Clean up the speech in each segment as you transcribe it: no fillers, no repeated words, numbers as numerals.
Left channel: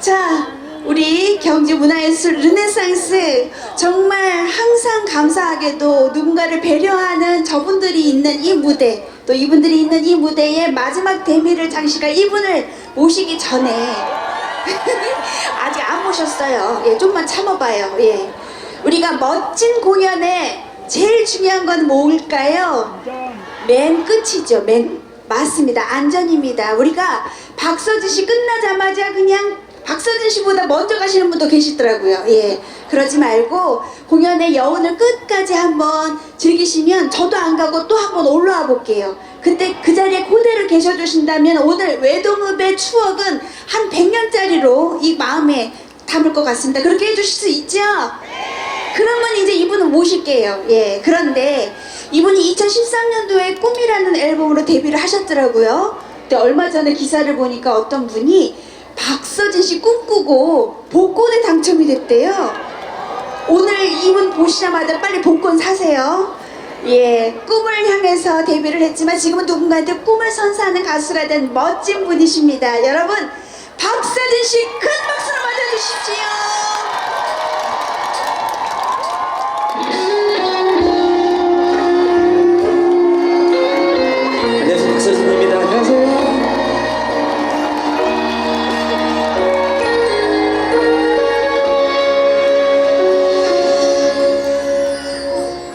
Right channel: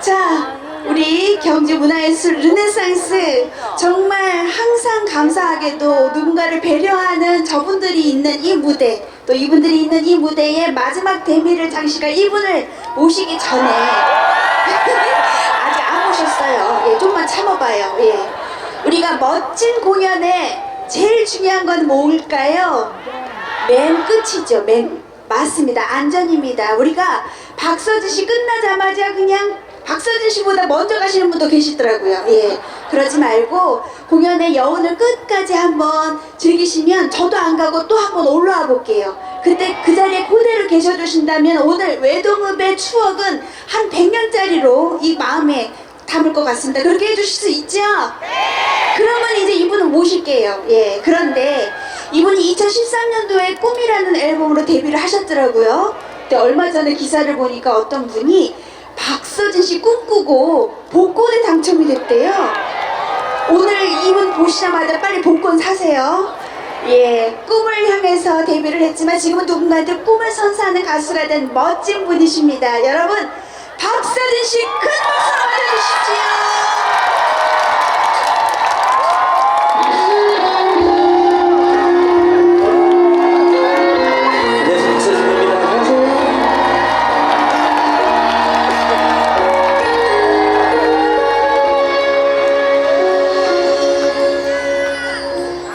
자, 우리 경주문화예술 르네상스 정말 항상 감사하게도 누군가를 배려하는 저분들이 있는 이 무대, 또 이분들이 있는 이 무대에 마지막 대미를 장식할 이분을 모시기 전에 아직 안 모셨어요. 예, 좀만 참아봐요. 예, 우리가 멋진 공연에 제일 중요한 건 뭘까요? 맨 끝이죠. 맞습니다. 안전입니다. 우리가 박서진 씨 끝나자마자 그냥 박서진 씨보다 먼저 가시는 분도 계시더라고요. 예, 그러지 말고 공연의 여운을 끝까지 한번 즐기시면 저도 안 가고 또 한번 올라와 볼게요. 그때 그 자리에 그대로 계셔주신다면 오늘 외동읍의 추억은 한 100년짜리로 이 마음에 담을 것 같습니다. 그렇게 해주실 수 있죠? 네! 그러면 이제 이분을 모실게요. 예, 그런데 이분이 2013년도에 꿈이라는 앨범으로 데뷔를 하셨더라고요. 근데 얼마 전에 기사를 보니까 어떤 분이 박서진 씨 꿈꾸고 복권에 당첨이 됐대요. 오늘 이분 보시자마자 빨리 복권 사세요. 예, 꿈을 향해서 데뷔를 했지만 지금은 누군가한테 꿈을 선사하는 가수가 된 멋진 분이십니다. 여러분, 박서진 씨 큰 박수로 맞아주십시오.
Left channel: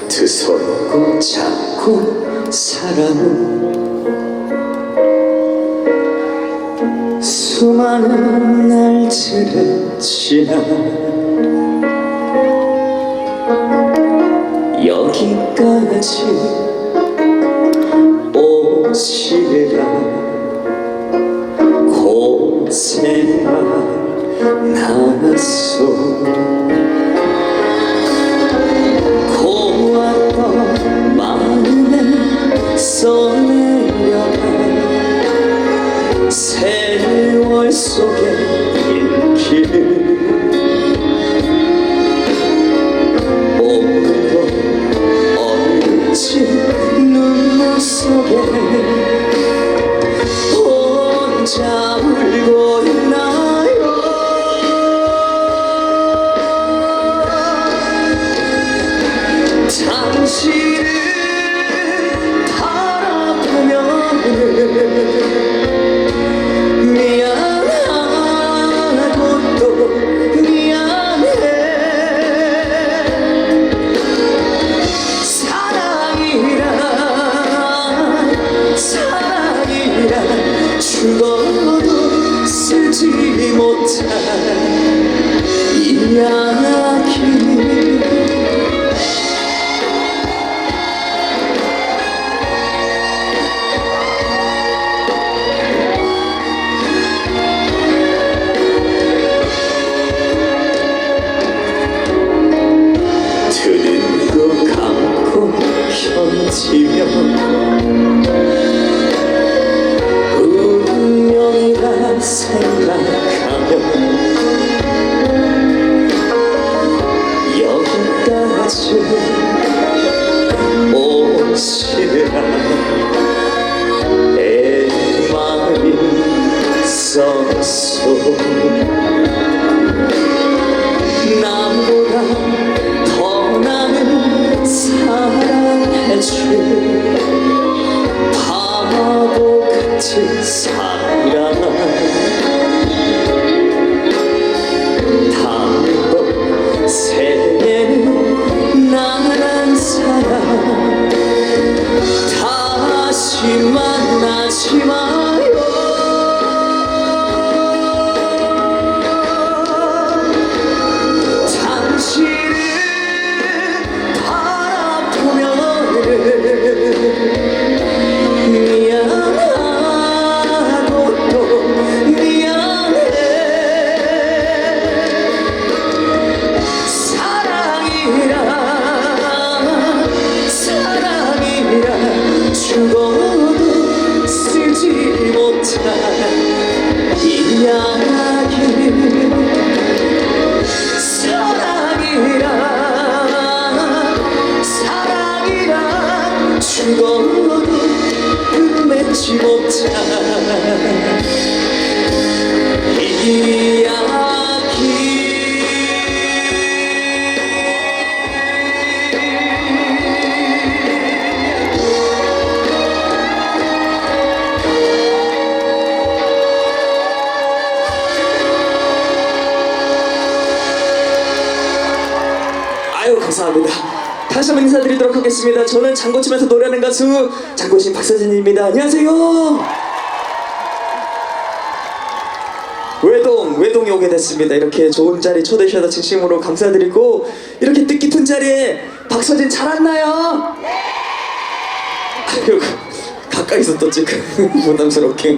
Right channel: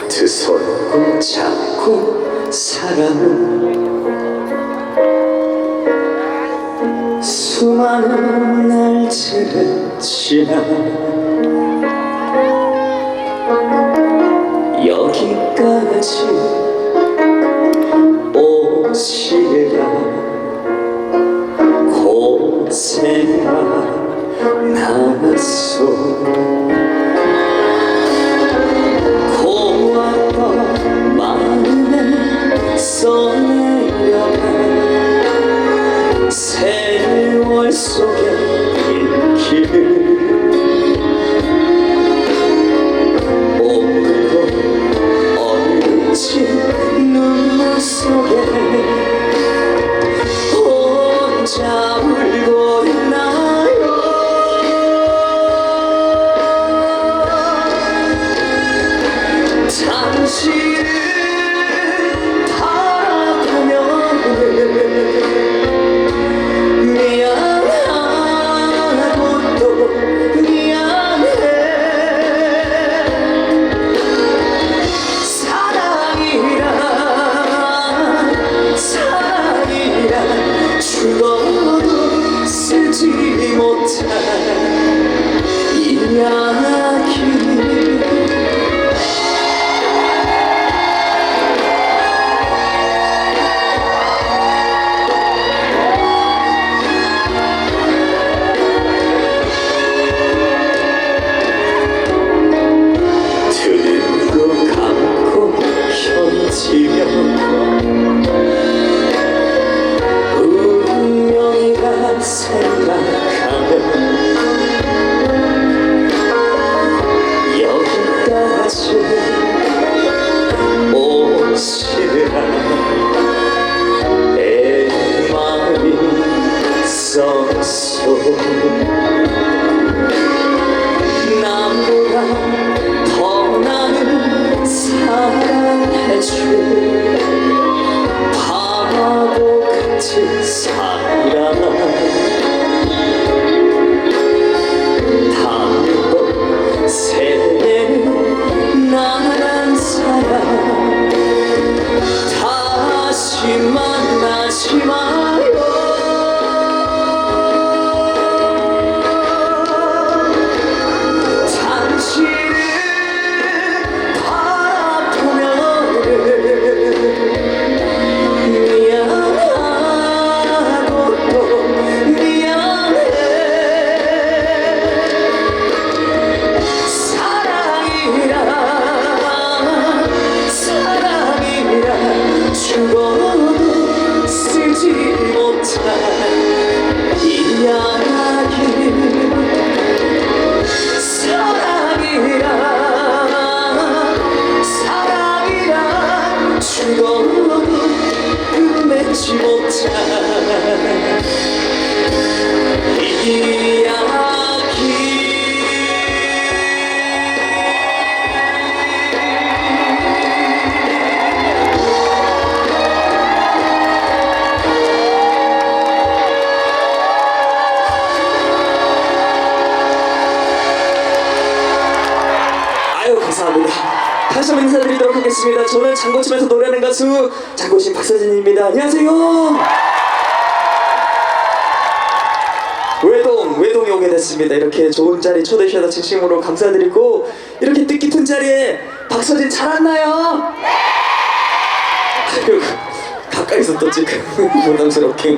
두 손 꼭 잡고 사랑은 수많은 날들을 지나 여기까지 오시라 고생만 나눴소. 써내려가 세월 속에 일기를 오늘도 얼진 눈물 속에 혼자 울고 있나요. 당신을 죽어도 쓰지 못한 이야기. 두 눈 감고 견디며 생각하면 여기까지 오시라 내 마음이 썩소. 남보다 더 나는 사랑해줄 바보 같은 사랑. 세계는 나란 사람 다시 만나지 마요. 다시 한번 인사드리도록 하겠습니다. 저는 장고침에서 노래하는 가수 장고침 박서진입니다. 안녕하세요. 외동에 오게 됐습니다. 이렇게 좋은 자리 초대해 주셔서 진심으로 감사드리고, 이렇게 뜻깊은 자리에 박서진 잘 왔나요? 네! 아유, 가까이서 또 지금 부담스럽게.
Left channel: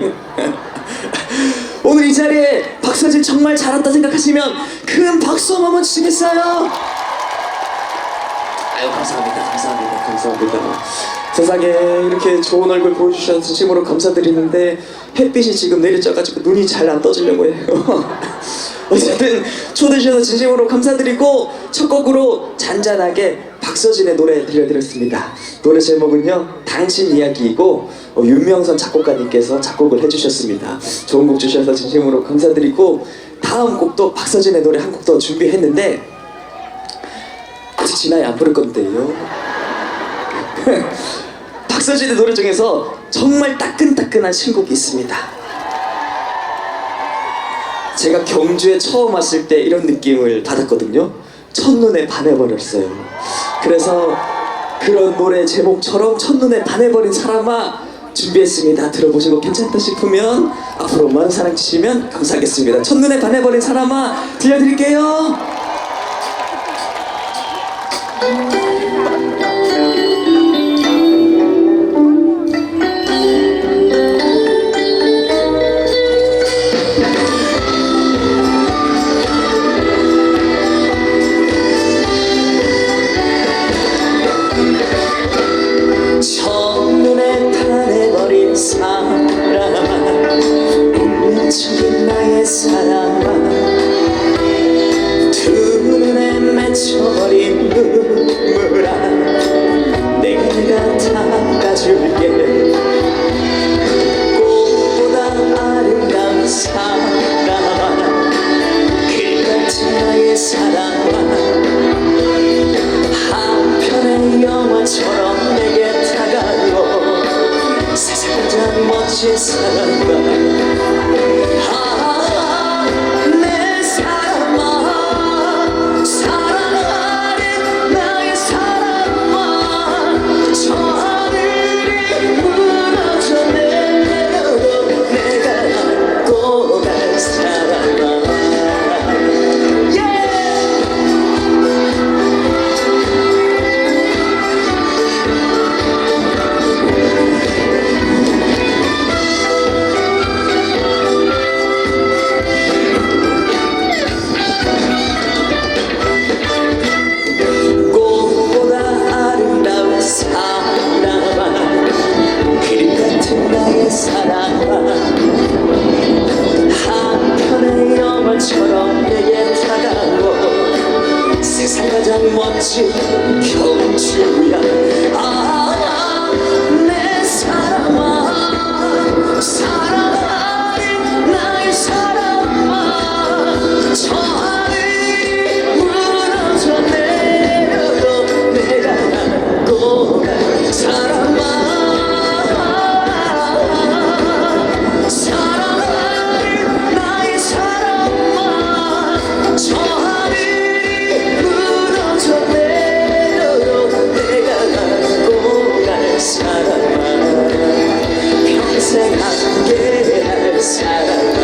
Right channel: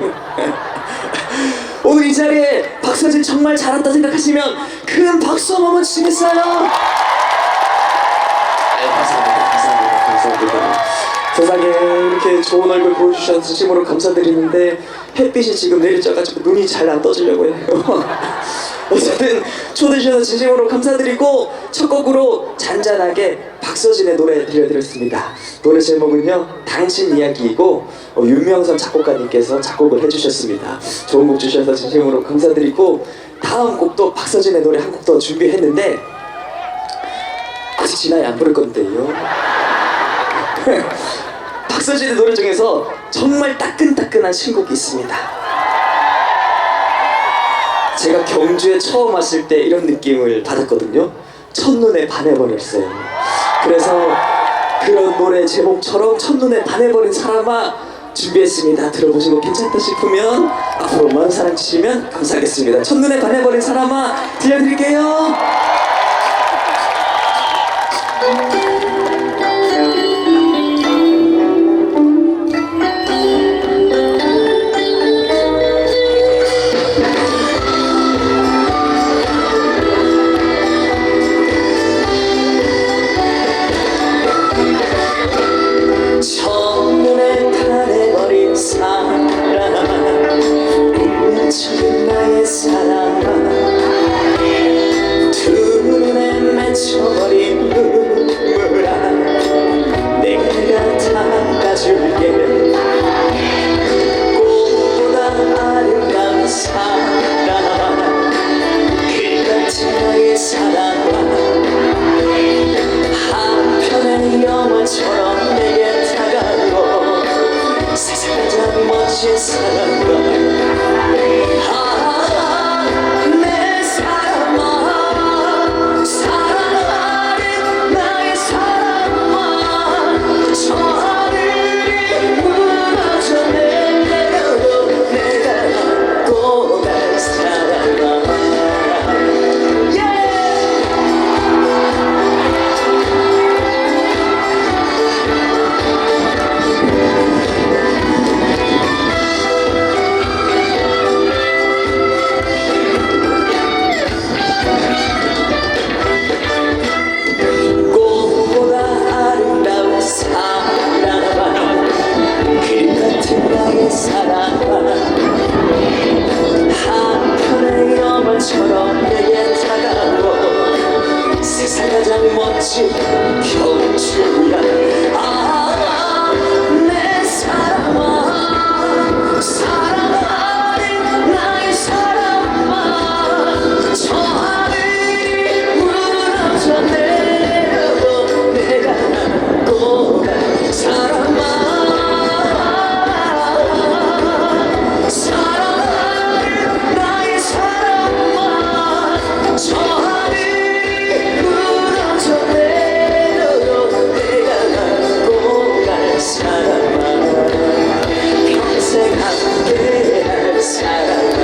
오늘 이 자리에 박서진 정말 잘 왔다 생각하시면 큰 박수 한번 주시겠어요? 아유, 감사합니다. 세상에 이렇게 좋은 얼굴 보여주셔서 진심으로 감사드리는데, 햇빛이 지금 내리쬐가지고 눈이 잘 안 떠지려고 해요. 어쨌든 초대해 주셔서 진심으로 감사드리고, 첫 곡으로 잔잔하게 박서진의 노래 들려드렸습니다. 노래 제목은요, 당신 이야기이고, 윤명선 작곡가님께서 작곡을 해주셨습니다. 좋은 곡 주셔서 진심으로 감사드리고, 다음 곡도 박서진의 노래 한 곡 더 준비했는데 아직 진아이 안 부를 건데요. 박서진의 노래 중에서 정말 따끈따끈한 신곡이 있습니다. 제가 경주에 처음 왔을 때 이런 느낌을 받았거든요. 첫눈에 반해버렸어요. 그래서 그런 노래 제목처럼 첫눈에 반해버린 사람아 준비했습니다. 들어보시고 괜찮다 싶으면 앞으로 많은 사랑 주시면 감사하겠습니다. 첫눈에 반해버린 사람아 들려드릴게요. 첫눈에 반해버린 사랑아, 운명적인 나의 사랑아, 두 눈에 맺혀버린 눈물아, 내가 닦아줄게. 꽃보다 아름다운 사랑아, 그같은 나의 사랑아, 한편의 영화처럼 내게 다가오고, 세상 가장 멋진 사랑아, 내 사랑아, 사랑하는 나의 사랑아, 저 하늘이 무너져 내려도 내가 안고 갈 사랑아. 처럼 내게 다가오고, 세상 가장 멋진 경주야. 내 사랑아, 사랑하는 나의 사랑아, 저 하늘이 무너져 내려도 내가 안고 갈 사랑아. 저 하늘이 무너져 내려도 내가 안고 갈 사랑아, 평생 함께할 사랑아,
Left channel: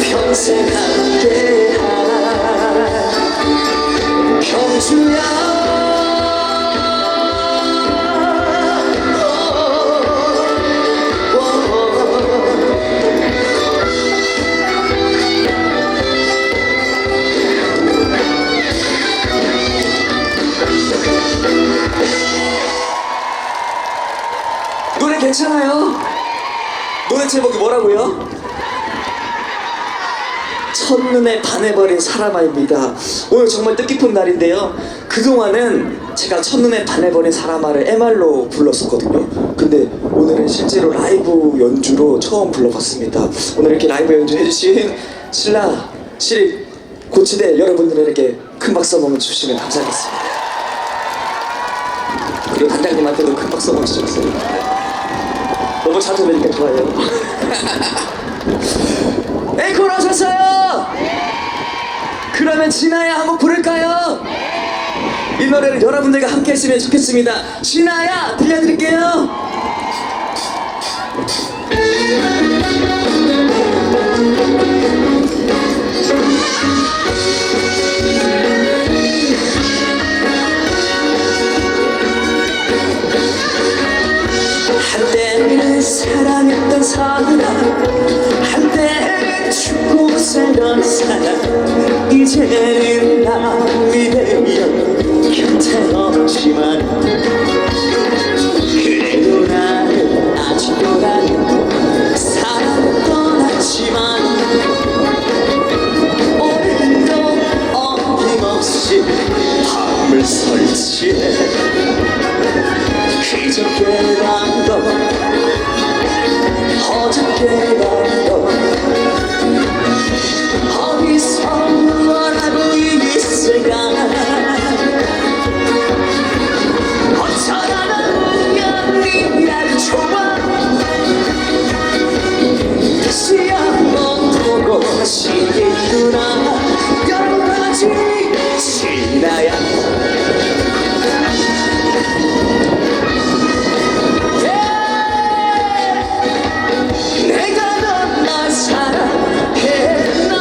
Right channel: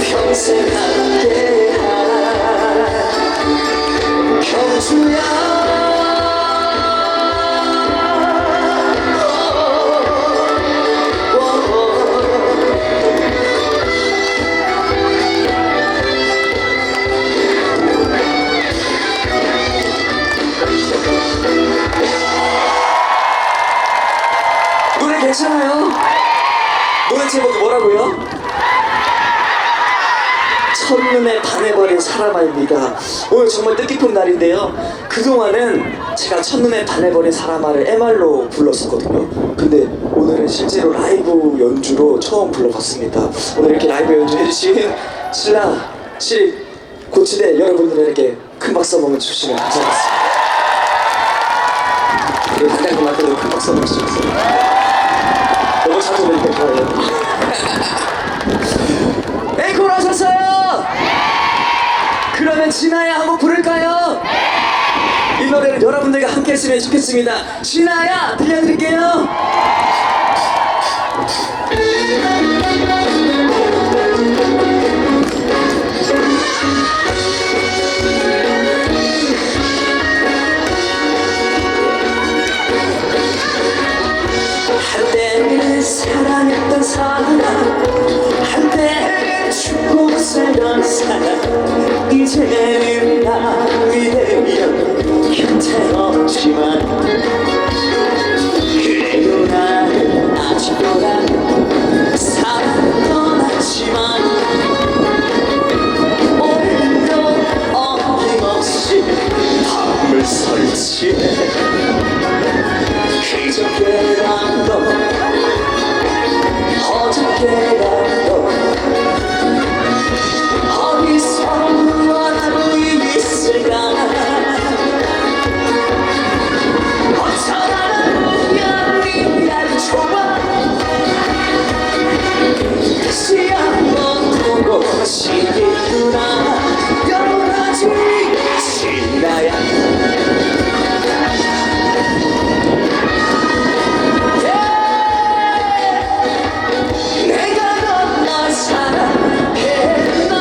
평생 함께할 경주야. 노래 괜찮아요? 노래 제목이 뭐라고요? 첫눈에 반해버린 사람아입니다. 오늘 정말 뜻깊은 날인데요, 그동안은 제가 첫눈에 반해버린 사람아를 MR로 불렀었거든요. 근데 오늘은 실제로 라이브 연주로 처음 불러봤습니다. 오늘 이렇게 라이브 연주해주신 신라 시립 고치대 여러분들에게 큰 박수 한번 주시면 감사하겠습니다. 그리고 단장님한테도 큰 박수 한번 주셨어요. 너무 자주 뵐 거예요. 앵콜 하셨어요? 그러면 진아야 한곡 부를까요? 이 노래는 여러분들과 함께 했으면 좋겠습니다. 진아야 들려드릴게요. 한때는 사랑했던 사람, 한때는 죽고 살던 사람, 이제는 남이 되면 곁에 없지만 그래도 나는 아직도 나는 사랑 떠났지만 오늘도 어김없이 밤을 설치해 그저께 밤도 어저께 밤도 어디서 원하고 있을까 어쩌다가 우연히 날 좋아 다시 한번 보고 싶구나 여러가지 진아야 내가 널 사랑했나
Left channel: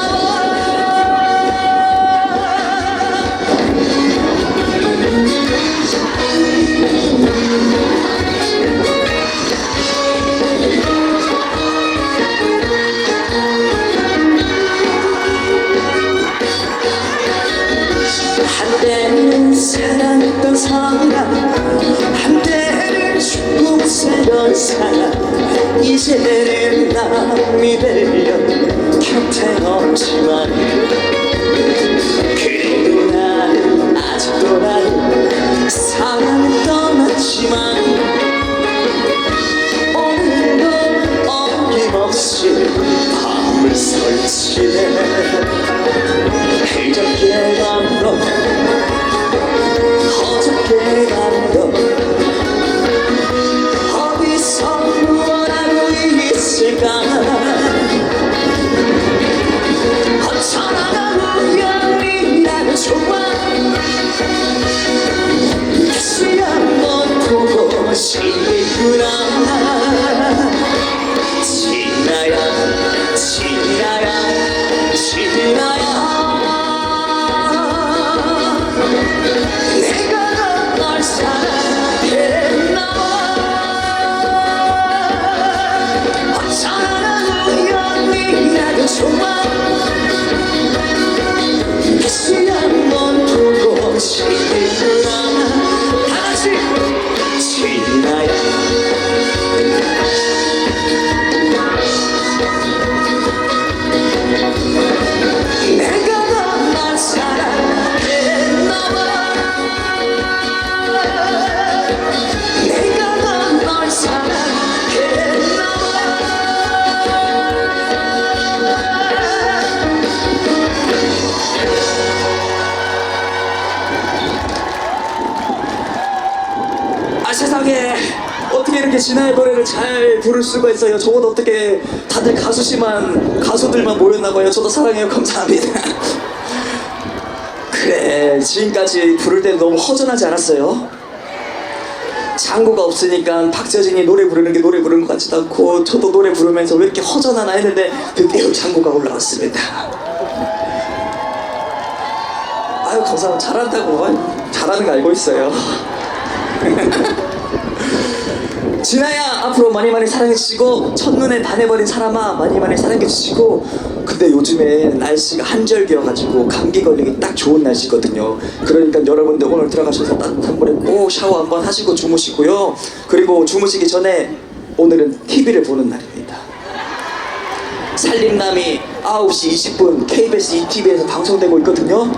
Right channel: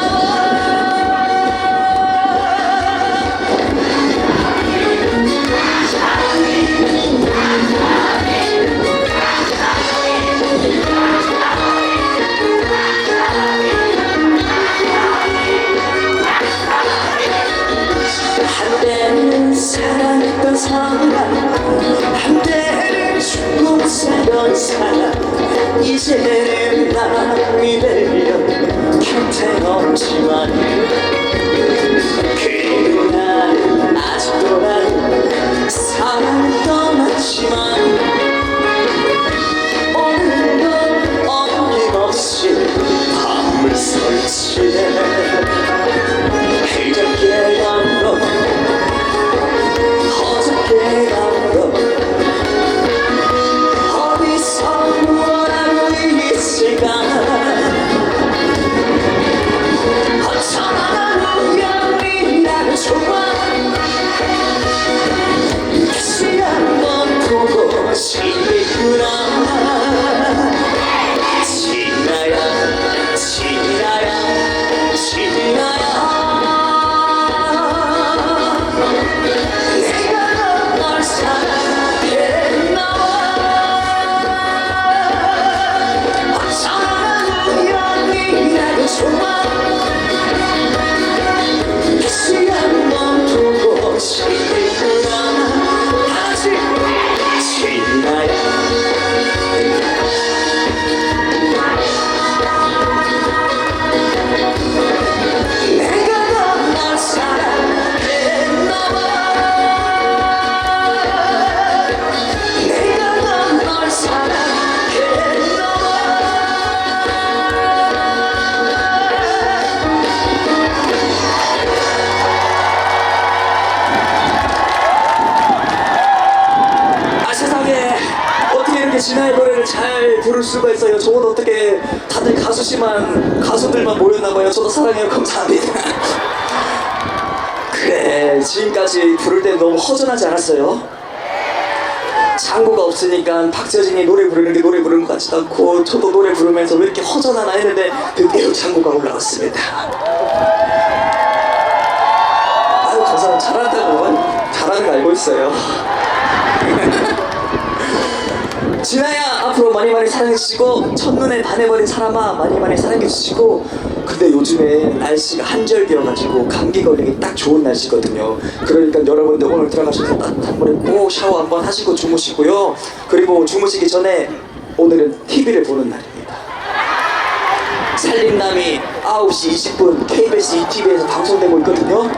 한때는 사랑했던 사람 한때는 죽고 살던 사람 이제는 남이 되려 곁에 없지만 그래도 나는 아직도 나는 사랑을 떠났지만 오늘도 어김없이 밤을 설치해 그저께 밤도 어저께 밤도 어디서 원하고 있을까 어쩌다가 우연히 나를 좋아 다시 한번 보고 싶구나 진아야 진아야 진아야 내가 널 사랑했나 어쩌다가 우연히 나를 좋아 다시 한번 보고 싶구나 다같이 진아야 내가 널 사랑했나 내가 널 사랑했나 아 세상에 어떻게 이렇게 진아의 노래를 잘 부를 수가 있어요. 저건 어떻게 다들 가수들만 모였나봐요. 저도 사랑해요. 감사합니다. 그래 지금까지 부를 때 너무 허전하지 않았어요? 장구가 없으니까 박재진이 노래 부르는 게 노래 부르는 것 같지도 않고 저도 노래 부르면서 왜 이렇게 허전하나 했는데 드디어 장구가 올라왔습니다. 아유 감사합니다. 잘한다고 잘하는 거 알고 있어요. 진아야 앞으로 많이 사랑해주시고 첫눈에 반해버린 사람아 많이 사랑해주시고 근데 요즘에 날씨가 한절기여가지고 감기 걸리기 딱 좋은 날씨거든요. 그러니까 여러분들 오늘 들어가셔서 따뜻한 물에 꼭 샤워 한번 하시고 주무시고요. 그리고 주무시기 전에 오늘은 TV를 보는 날입니다. 살림남이 9시 20분 KBS ETV에서 방송되고 있거든요.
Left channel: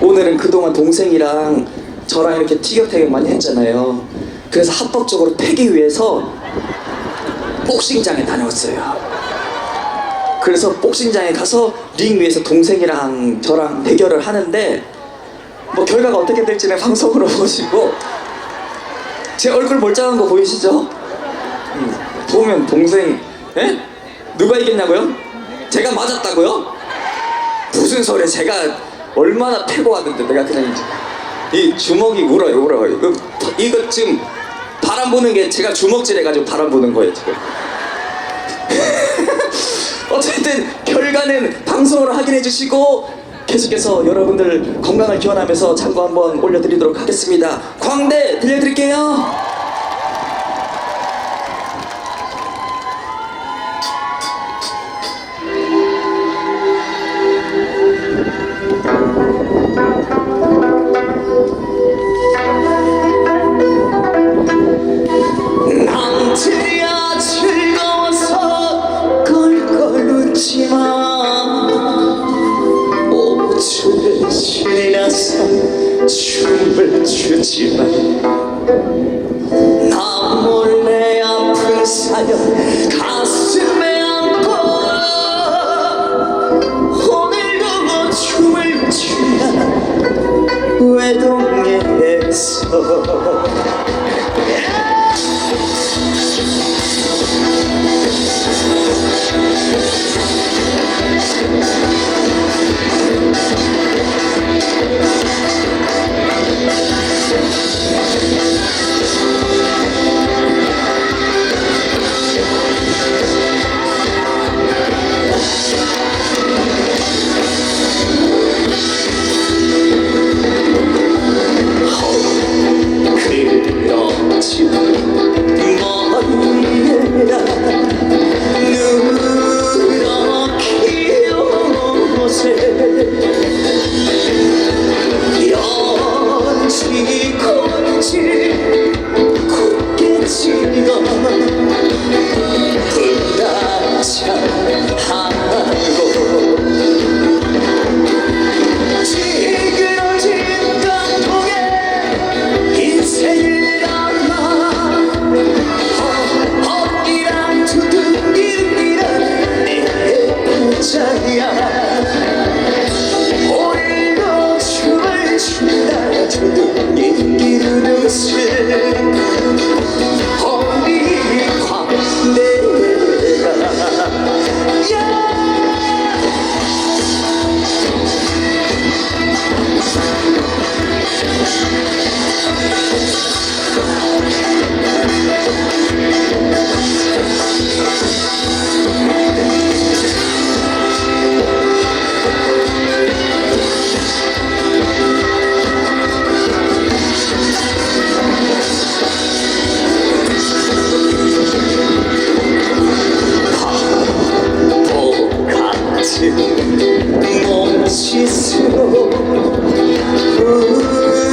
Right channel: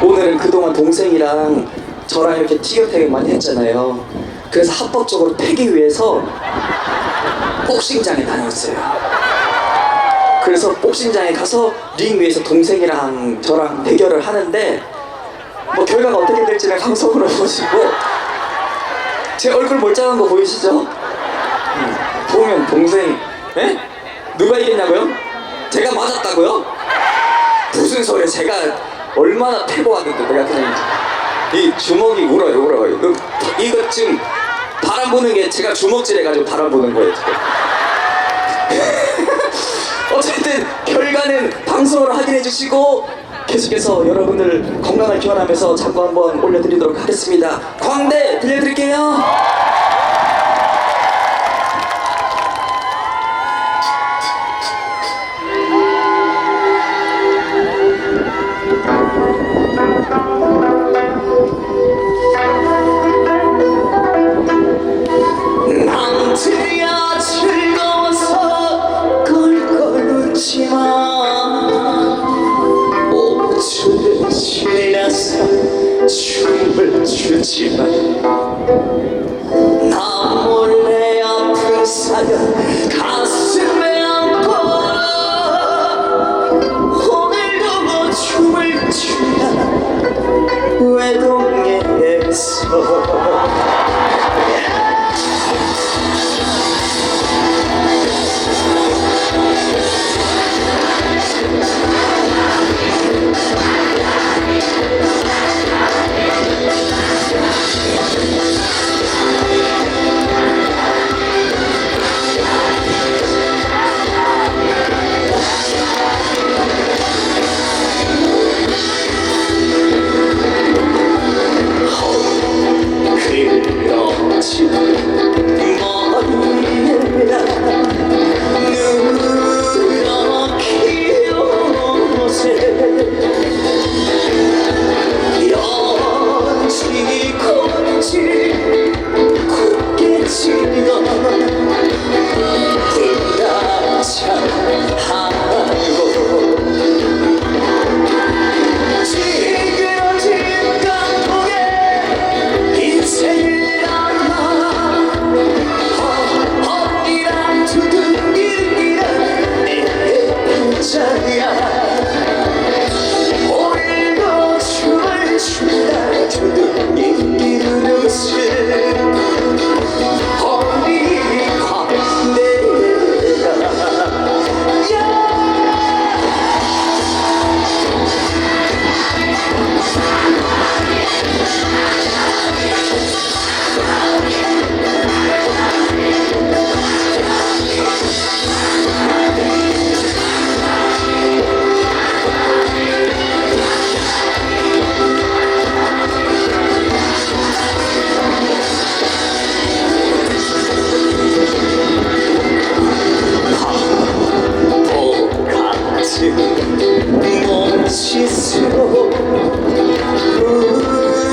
오늘은 그동안 동생이랑 저랑 이렇게 티격태격 많이 했잖아요. 그래서 합법적으로 패기 위해서 복싱장에 다녀왔어요. 그래서 복싱장에 가서 링 위에서 동생이랑 저랑 대결을 하는데 뭐 결과가 어떻게 될지는 방송으로 보시고 제 얼굴 멀쩡한 거 보이시죠? 보면 동생 에? 누가 이겼냐고요? 제가 맞았다고요? 무슨 소리야. 제가 얼마나 패고 왔는데 내가 그냥 이 주먹이 울어요. 이거 지금 바람 부는 게 제가 주먹질 해가지고 바람 부는 거예요 지금. 어쨌든 결과는 방송으로 확인해 주시고 계속해서 여러분들 건강을 기원하면서 장구 한번 올려드리도록 하겠습니다. 광대 들려드릴게요. 남들이야 즐거워서 껄껄 웃지마. 5초를 지나서 춤을 추지마. 나 몰래 아픈 사연 가슴에 안고 오늘도 춤을 추나 외동에서.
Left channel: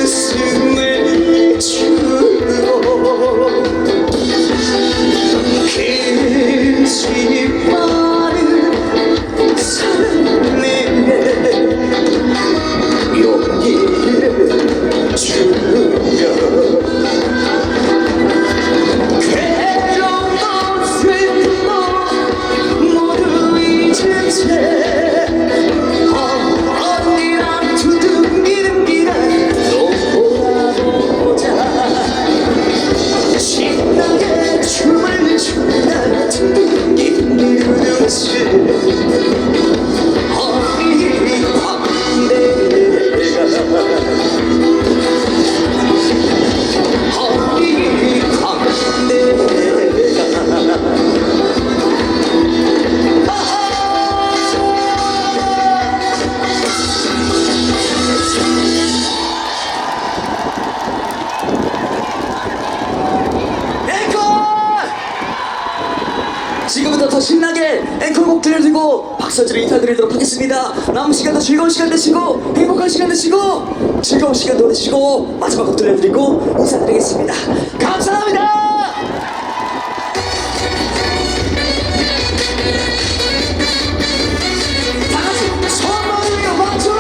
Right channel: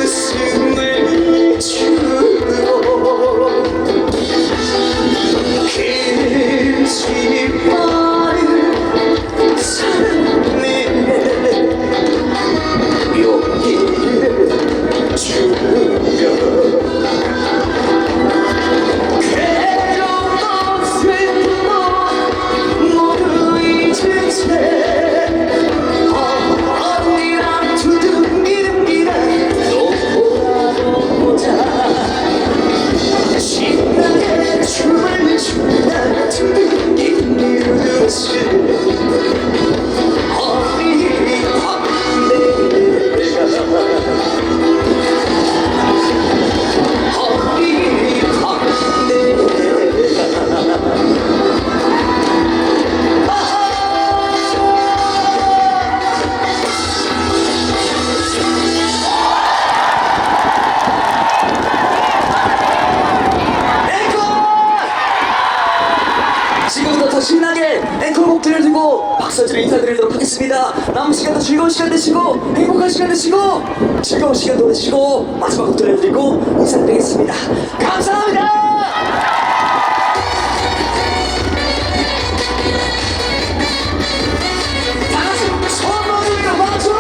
웃음을 주고 길지 않은 삶에 용기를 주며 괴로움도 슬픔도 모두 잊은 채 언니랑 두둥이는 길을 돌아보자. 신나게 춤을 춘다 두둥이는 듯이 언니 광대가 언니 지금부터 더 신나게 앵콜곡 들려드리고 박수로 인사드리도록 하겠습니다. 남은 시간도 즐거운 시간 되시고 행복한 시간 되시고 즐거운 시간 보내시고 마지막 곡 들려드리고 인사드리겠습니다. 감사합니다. 다같이 손 모으며 박수.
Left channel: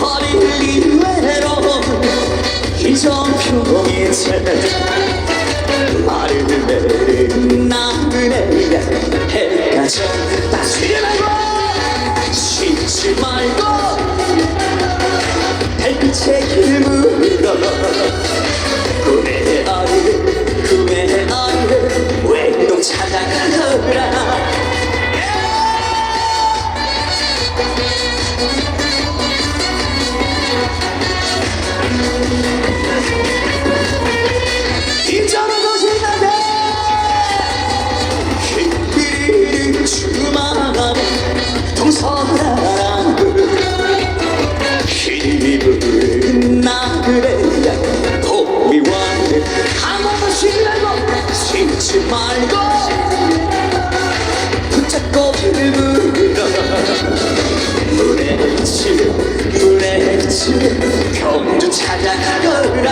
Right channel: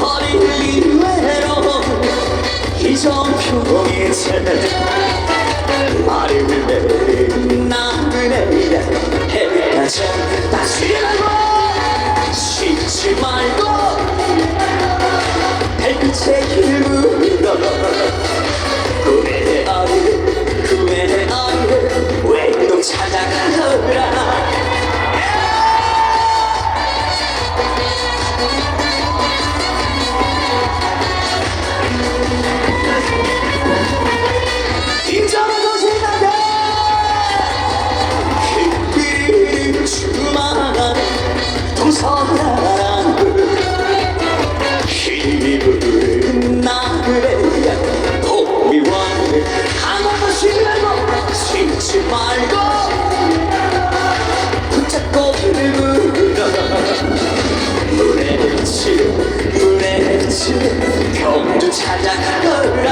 허리를 외로움 이정표의 채 말을 내린 나그네야 해가 졌다. 쉬려고 쉬지 말고 달빛의 길 물어 꿈의 어리를 외동 찾아가더라. 말고 붙잡고 물어 물에 헤치 경주 찾아가거라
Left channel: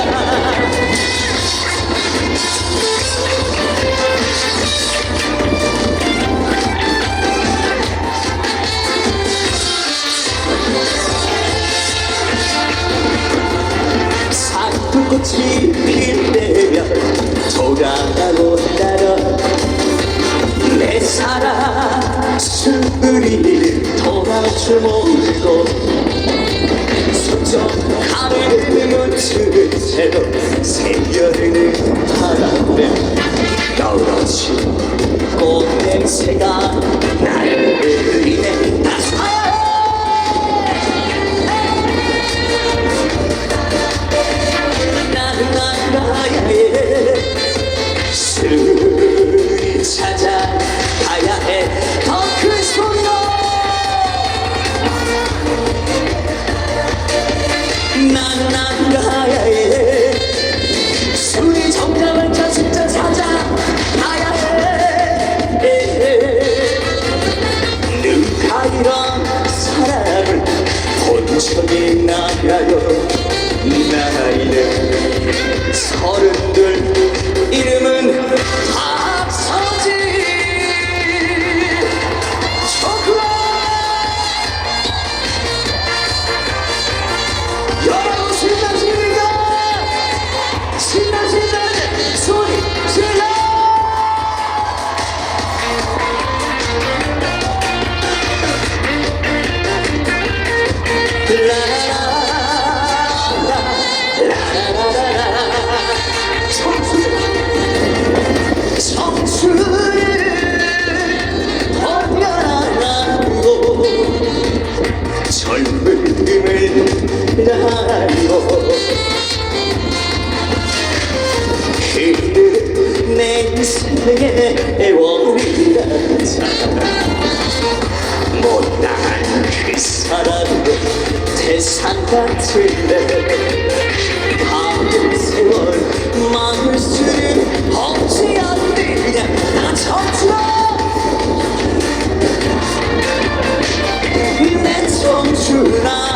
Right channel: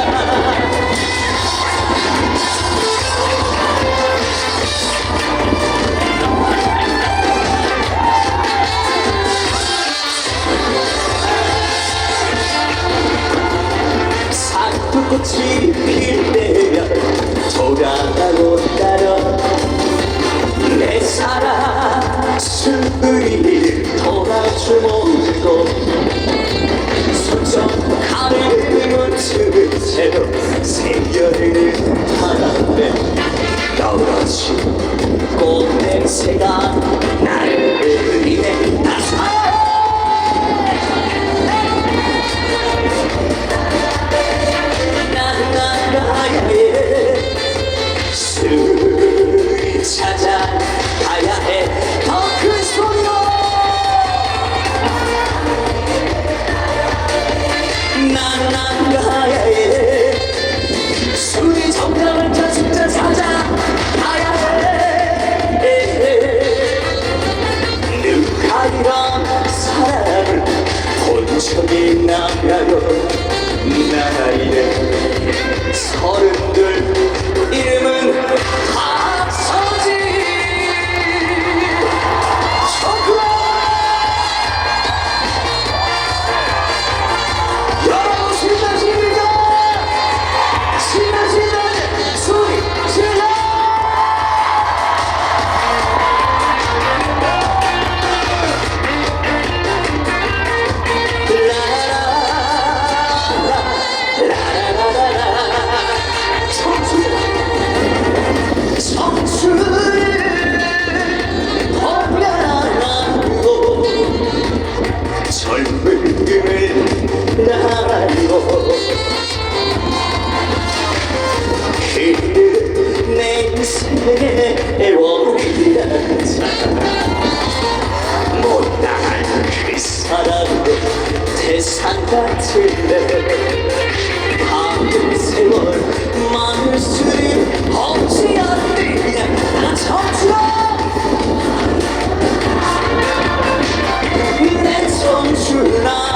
산불꽃이 필 때면 돌아가고 따라 내 사랑 술이 돌아줄 모르고 서쪽 가를 묻힌 채로 새겨르는 바람에 떨어진 꽃냄새가 나를 흘리네 나가야 해 술이 찾아가야 해 더 큰 소리로 나가야 해 술이 정답을 저 진짜 찾아가야 해 누가 이런 사람을 본 적이 있나요 나이는 32 이름은 박서진 초크라 여러분 신나십니까 신나신다는 소리 질러 청춘을 번갈아가고 젊음을 달고 그는 내 인생의 애월이라자 못당한 그 사람으로 대상 같은데 가는 세월 막을 수는 없지 않느냐 나 청춘아 내 청춘아